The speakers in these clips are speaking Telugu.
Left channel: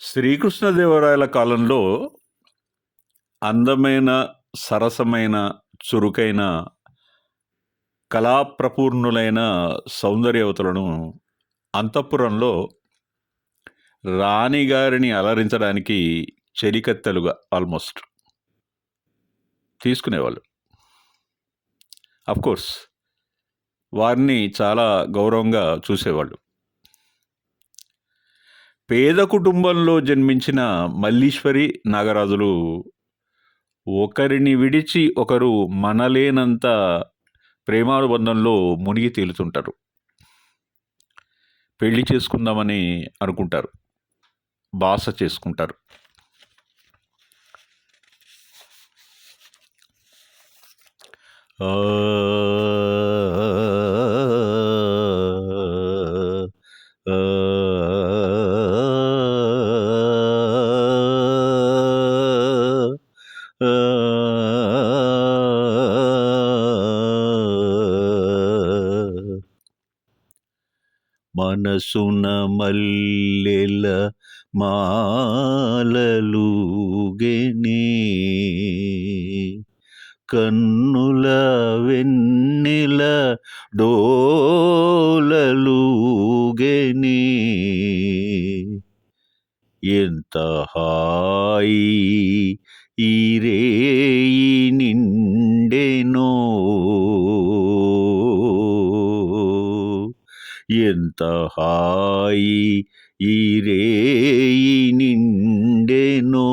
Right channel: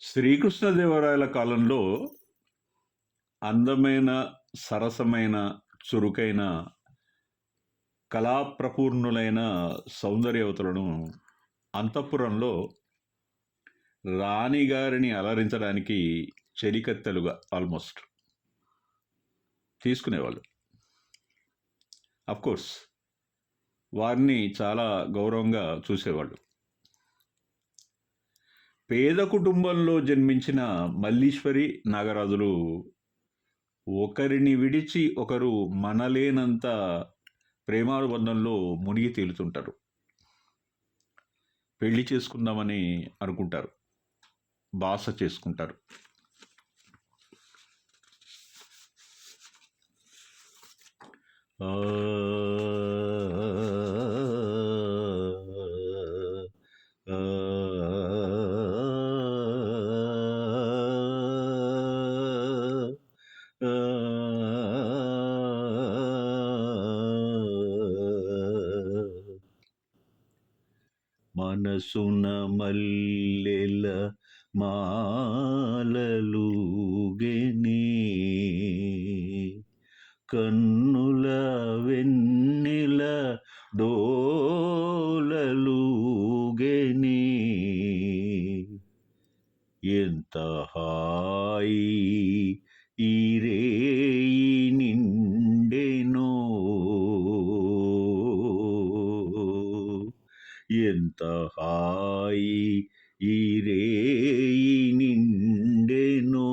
శ్రీకృష్ణదేవరాయల కాలంలో అందమైన, సరసమైన, చురుకైన, కళాప్రపూర్ణులైన సౌందర్యవతులను అంతఃపురంలో రాణిగారిని అలరించడానికి చెలికత్తెలుగా ఆల్మోస్ట్ తీసుకునేవాళ్ళు. అఫ్‌కోర్స్ వారిని చాలా గౌరవంగా చూసేవాళ్ళు. పేద కుటుంబంలో జన్మించిన మల్లీశ్వరి, నాగరాజులు ఒకరిని విడిచి ఒకరు మనలేనంత ప్రేమానుబంధంలో మునిగి తేలుతుంటారు. పెళ్ళి చేసుకుందామని అనుకుంటారు. బాస చేసుకుంటారు. మనసున మల్లెల మాలలూగెనే కన్నుల వెన్నెల డోలలూగెనే ఎంత హాయి ఈ ఎంత హాయి ఈ రేయి నిండెనో.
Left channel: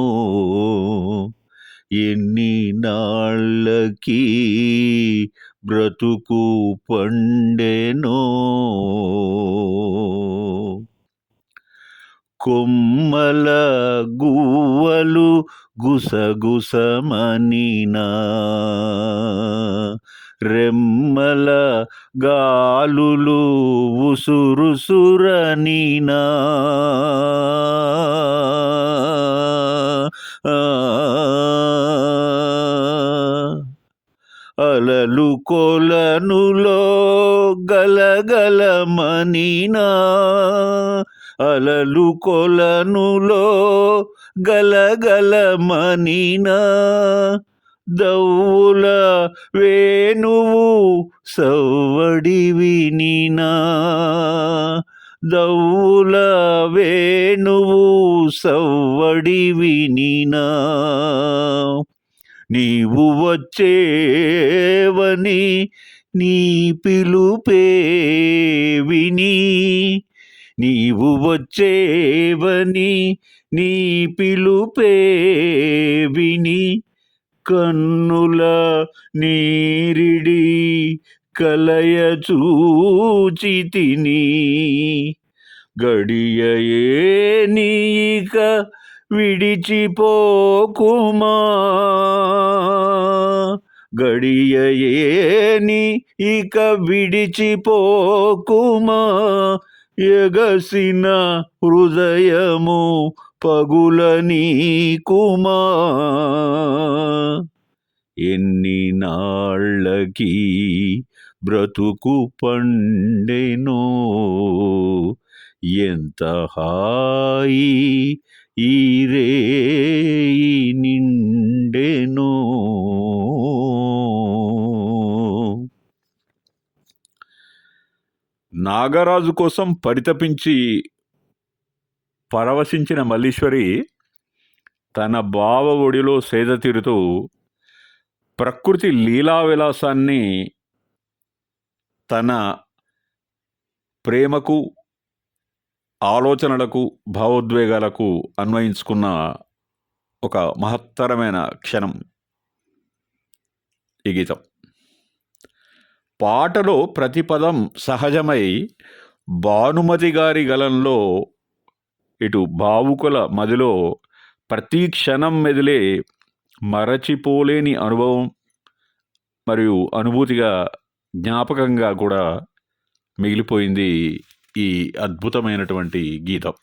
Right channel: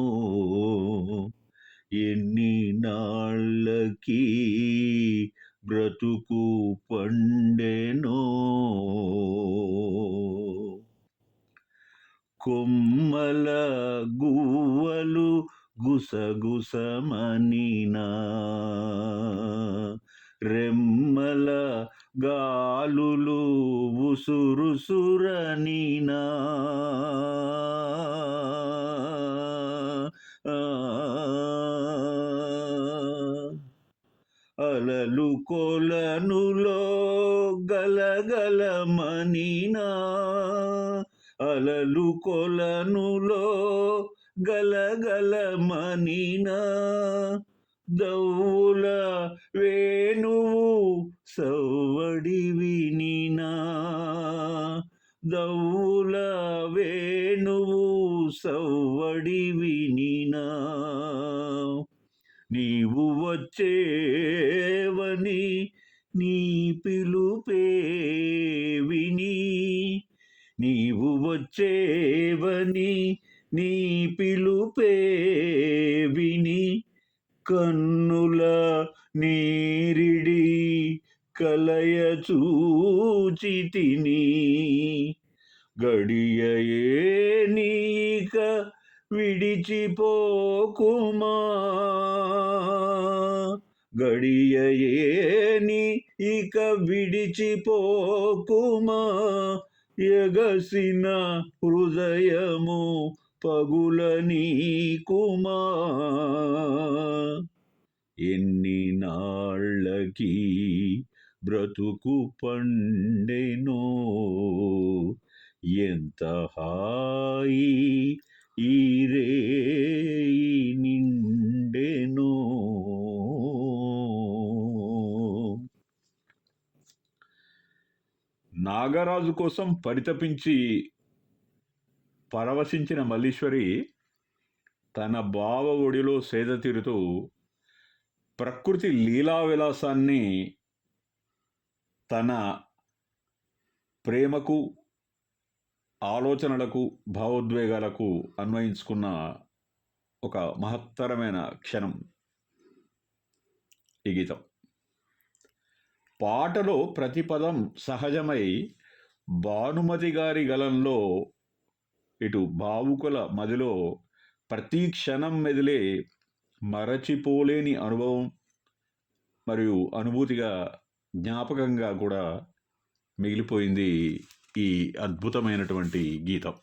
ఎన్ని నాళ్ళకి బ్రతుకు పండెనో. కొమ్మల గువ్వలు గుసగుసమనినా. రెమ్మల గాలులు ఉసురుసురనినా. అలలు కొలనులో గలగలమనినా. అలలు కొలనులో గలగలమనినా. దౌల వేణువు సవ్వడి వినినా దౌల వేణువు సవ్వడి వినినా నీవు వచ్చేవని నీ పిలుపే విని నీవు వచ్చేవని నీ పిలుపే విని కన్నుల నీరిడి కలయ తిని గడియయే నీక విడిచిపోకుమా? గడియయేని ఇక విడిచిపోకుమా? ఎగసిన హృదయము పగుల నీకుమా ఎన్ని నాళ్ళకి బ్రతుకు పండెనో. ఎంత హాయి ఈ రే నిండెనో. నాగరాజు కోసం పరితపించి పరవశించిన మల్లీశ్వరి తన బావ ఒడిలో సేద తీరుతూ ప్రకృతి లీలా విలాసాన్ని తన ప్రేమకు ఆలోచనలకు భావోద్వేగాలకు అన్వయించుకున్న ఒక మహత్తరమైన క్షణం ఈ గీతం. పాటలో ప్రతి పదం సహజమై భానుమతి గారి గలంలో ఇటు భావుకుల మదిలో ప్రతి క్షణం మెదిలే మరచిపోలేని అనుభవం మరియు అనుభూతిగా జ్ఞాపకంగా కూడా మిగిలిపోయింది ఈ అద్భుతమైనటువంటి గీతం.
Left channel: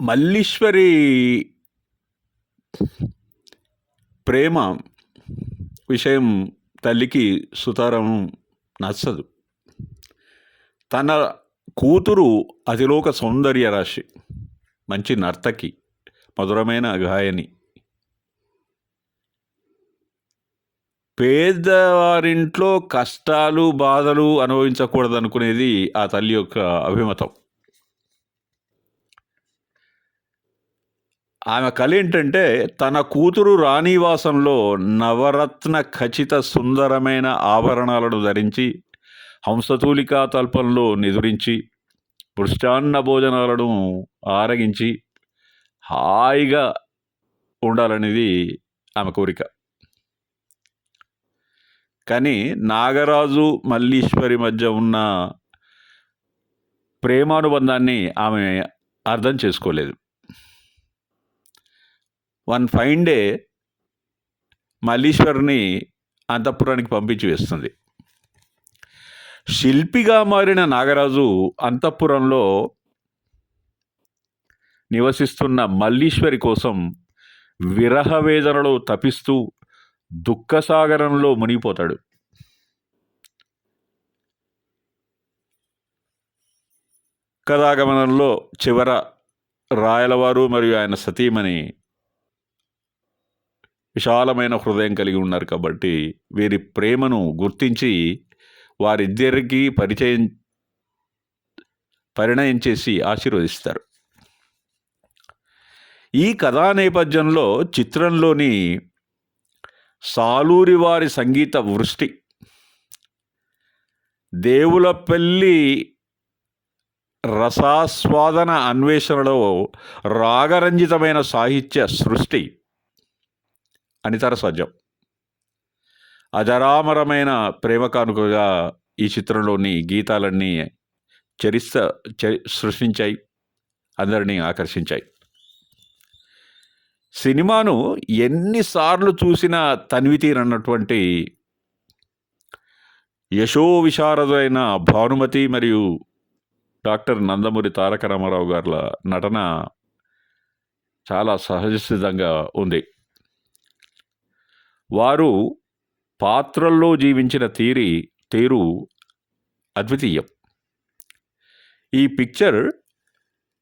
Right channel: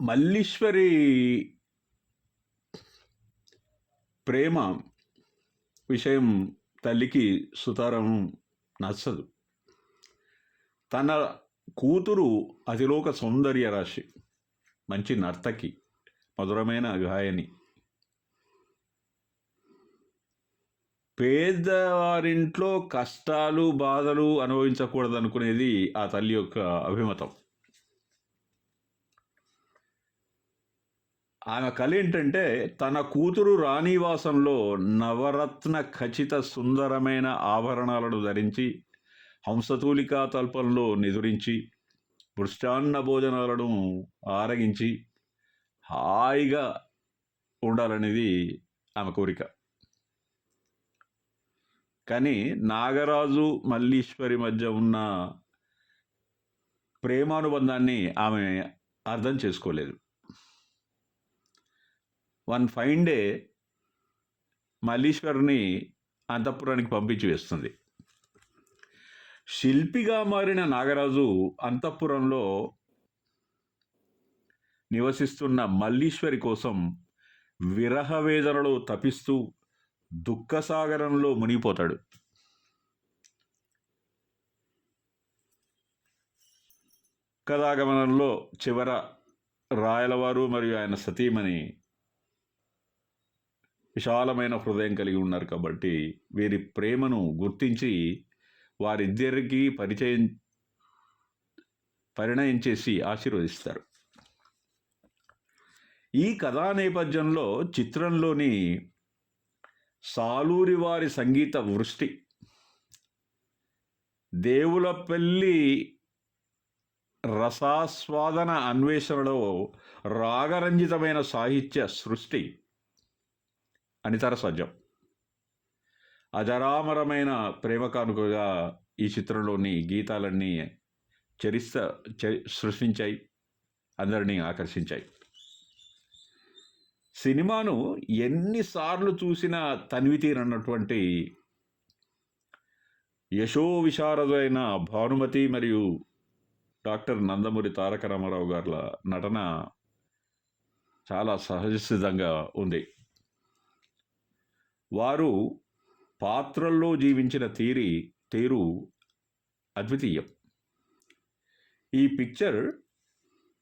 మల్లీశ్వరి ప్రేమ విషయం తల్లికి సుతారం నచ్చదు. తన కూతురు అతిలోక సౌందర్య రాశి మంచి నర్తకి మధురమైన గాయని. పేదవారింట్లో కష్టాలు బాధలు అనుభవించకూడదనుకునేది ఆ తల్లి యొక్క అభిమతం. ఆమె కళ ఏంటంటే తన కూతురు రాణివాసంలో నవరత్న ఖచ్చిత సుందరమైన ఆభరణాలను ధరించి హంసతూలికా తల్పంలో నిదురించి పృష్టాన్న భోజనాలను ఆరగించి హాయిగా ఉండాలనేది ఆమె కోరిక. కానీ నాగరాజు మల్లీశ్వరి మధ్య ఉన్న ప్రేమానుబంధాన్ని ఆమె అర్థం చేసుకోలేదు. వన్ ఫైన్ డే మల్లీశ్వరిని అంతఃపురానికి పంపించి వేస్తుంది. శిల్పిగా మారిన నాగరాజు అంతఃపురంలో నివసిస్తున్న మల్లీశ్వరి కోసం విరహ వేదనలో తపిస్తూ దుఃఖసాగరంలో మునిగిపోతాడు. కథాగమనంలో చివర రాయలవారు మరియు ఆయన సతీమణి విశాలమైన హృదయం కలిగి ఉన్నారు కాబట్టి వీరి ప్రేమను గుర్తించి వారిద్దరికీ పరిచయం పరిణయం చేసి ఆశీర్వదిస్తారు. ఈ కథా నేపథ్యంలో చిత్రంలోని సాలూరి వారి సంగీత వృష్టి దేవులపల్లి రసాస్వాదన అన్వేషణలో రాగరంజితమైన సాహిత్య సృష్టి అనితర సజ్జం అజరామరమైన ప్రేమ కానుకగా ఈ చిత్రంలోని గీతాలన్నీ చరిస్త సృష్టించాయి అందరినీ ఆకర్షించాయి. సినిమాను ఎన్నిసార్లు చూసినా తన్వితీర్ అన్నటువంటి యశో విశారదైన భానుమతి మరియు డాక్టర్ నందమూరి తారక రామారావు గారుల నటన చాలా సహజసిద్ధంగా ఉంది. వారు పాత్రల్లో జీవించిన తీరి తీరు అద్వితీయం. ఈ పిక్చర్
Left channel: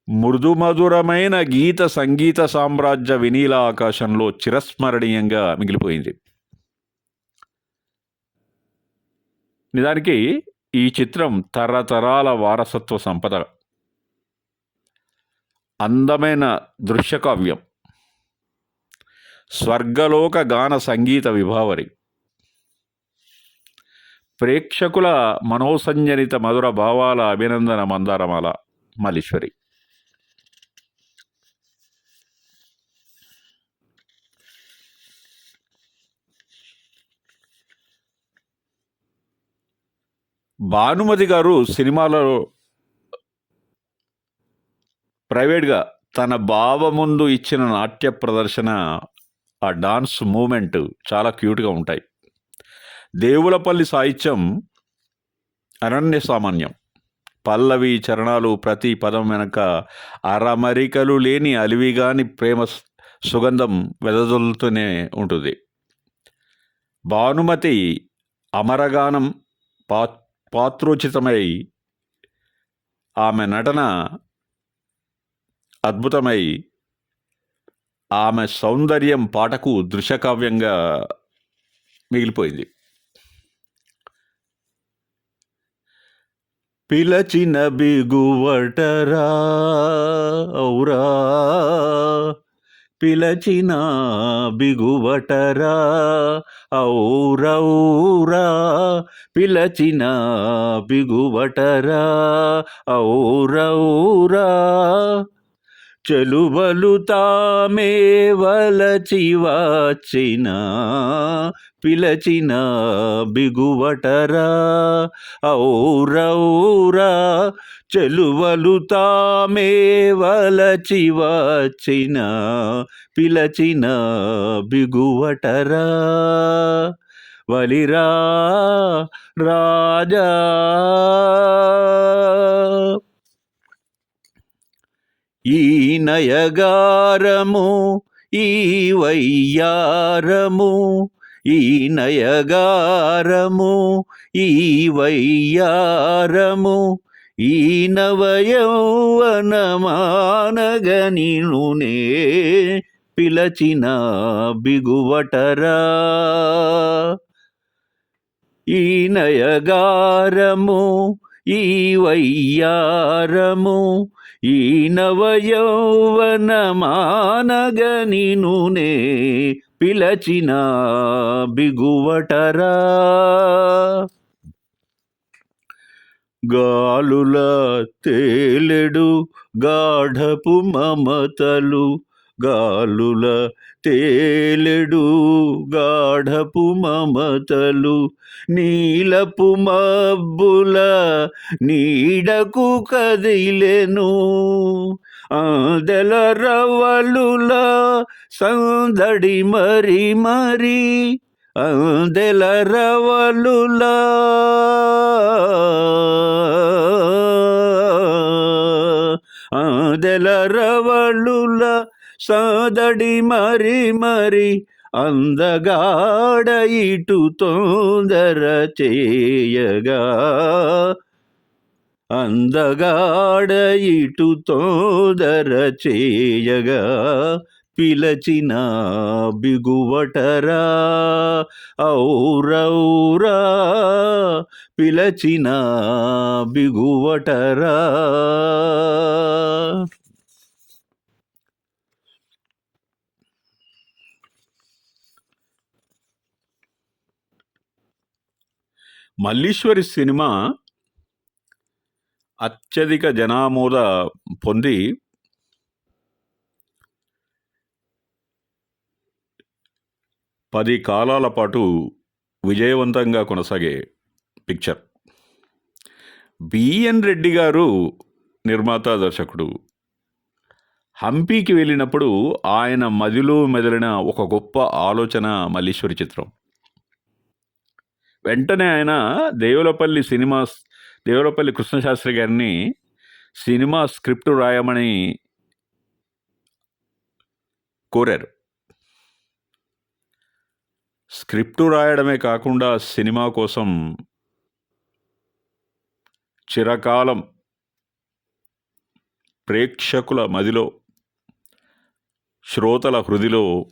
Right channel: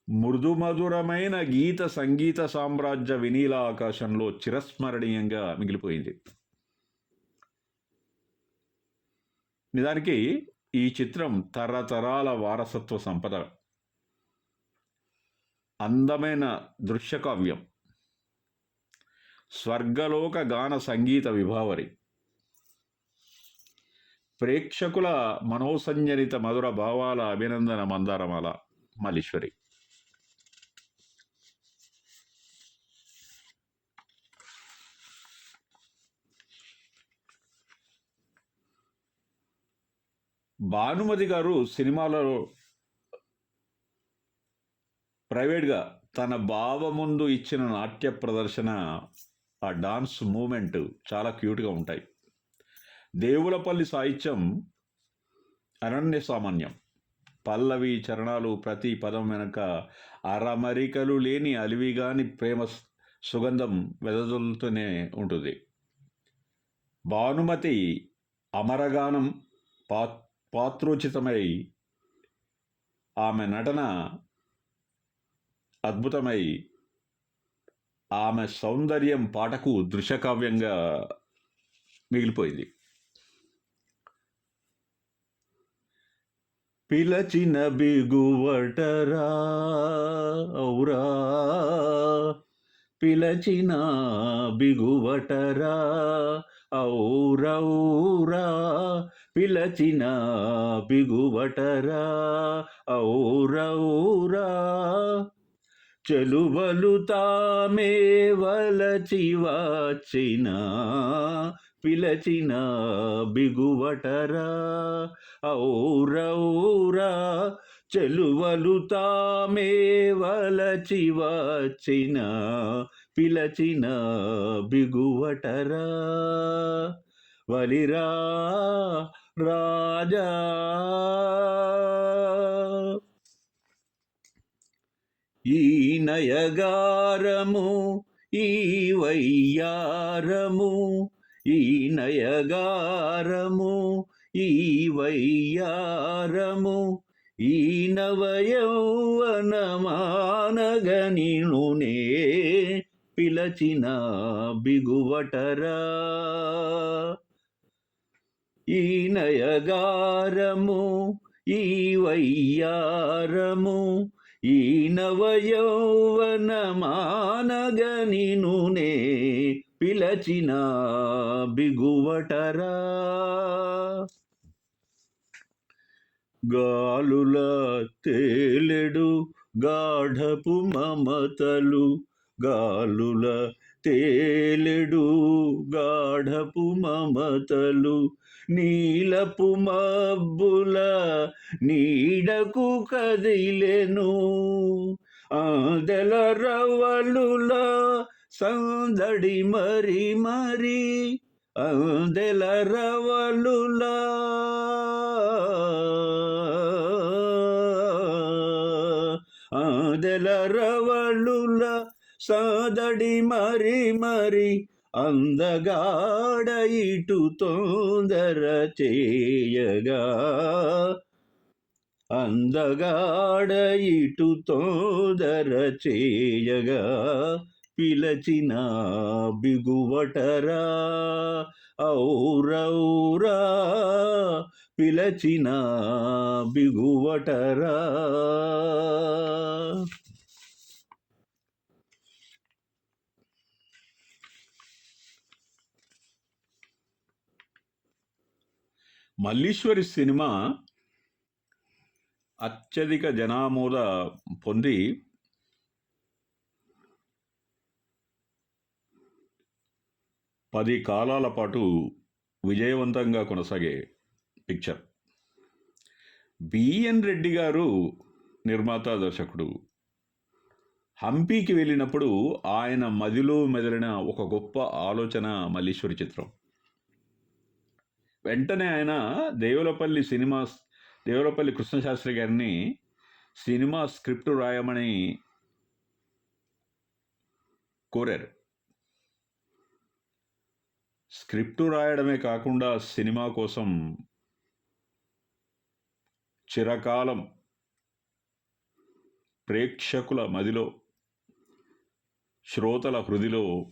మృదుమధురమైన గీత సంగీత సామ్రాజ్య వినీల ఆకాశంలో చిరస్మరణీయంగా మిగిలిపోయింది. నిజానికి ఈ చిత్రం తరతరాల వారసత్వ సంపద అందమైన దృశ్యకావ్యం. స్వర్గలోక గాన సంగీత విభావరి. ప్రేక్షకుల మనోసంజనిత మధుర భావాల అభినందన మందారమాల మల్లీశ్వరి. భానుమతి గారు సినిమాలో ప్రైవేట్గా తన బావ ముందు ఇచ్చిన నాట్య ప్రదర్శన ఆ డాన్స్ మూమెంట్ చాలా క్యూట్గా ఉంటాయి. దేవులపల్లి సాహిత్యం అనన్య సామాన్యం. పల్లవి చరణాలు ప్రతి పదం వెనక అరమరికలు లేని అలివిగాని ప్రేమ సుగంధం వెదజల్లుతూనే ఉంటుంది. భానుమతి అమరగానం పా పాత్రోచితమై ఆమె నటన అద్భుతమై ఆమె సౌందర్యం పాటకు దృశ్యకావ్యంగా మిగిలిపోయింది. పిలచిన బిగువటరా ఔరా. పిలచిన బిగువటరా ఔరౌరా పిలచిన బిగువటరా ఔరౌరా చెలువలు తామే వలచి వాచిన పిలచిన బిగువటరా? ఔరౌరా చెలువలు తామే వలచి వాచిన పిలచిన బిగువటరా? వలిరా రాజా ఈ నయగారము ఈ వయ్యారము ఈ నయగారము ఈ వయ్యారము ఈ నవయౌవనమానగనినునే పిలచిన బిగువటరా. ఈ నయగారము ఈ వయ్యారము ఈ నవయౌవనమానగనినునే పిలచిన బిగువటరా. గాలుల తేలెడు గాఢపు మమతలు గాలుల తేలెడు గాఢపు మమతలు నీలపు మబ్బుల నీడకు కదిలెను. ఆదల రవలుల సందడి మరి మరి అందెల రవలుల అందెల రవలులా సాదడి మరి మరి అందగాడ ఇటు తొందర చేయగా. అందగాడ ఇటు తోదర చేయగా. పిలచిన బిగువటరా ఔరౌరా. పిలచిన బిగువటరా. మల్లీశ్వరి సినిమా అత్యధిక జనామోద పొంది పది కాలాల పాటు విజయవంతంగా కొనసాగే పిక్చర్. బిఎన్ రెడ్డి గారు నిర్మాత దర్శకుడు. హంపీకి వెళ్ళినప్పుడు ఆయన మదిలో మెదలిన ఒక గొప్ప ఆలోచన మల్లీశ్వరి చిత్రం. వెంటనే ఆయన దేవులపల్లి సినిమా దేవులపల్లి కృష్ణశాస్త్రి గారిని సినిమా స్క్రిప్ట్ రాయమని కోరారు. స్క్రిప్ట్ రాయడమే కాకుండా సినిమా కోసం చిరకాలం ప్రేక్షకుల మదిలో శ్రోతల హృదిలో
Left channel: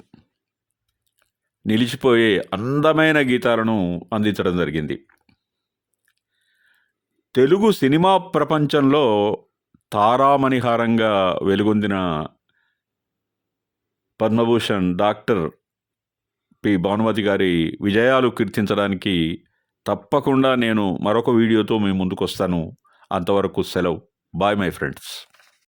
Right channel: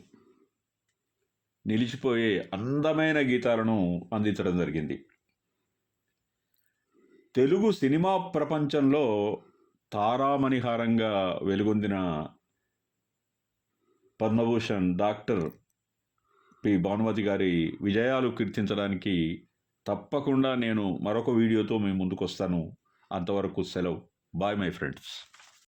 నిలిచిపోయే అందమైన గీతాలను అందించడం జరిగింది. తెలుగు సినిమా ప్రపంచంలో తారామణిహారంగా వెలుగొందిన పద్మభూషణ్ డాక్టర్ పి. భానుమతి గారి విజయాలు కీర్తించడానికి తప్పకుండా నేను మరొక వీడియోతో మీ ముందుకు వస్తాను అంతవరకు సెలవు. Bye my friends.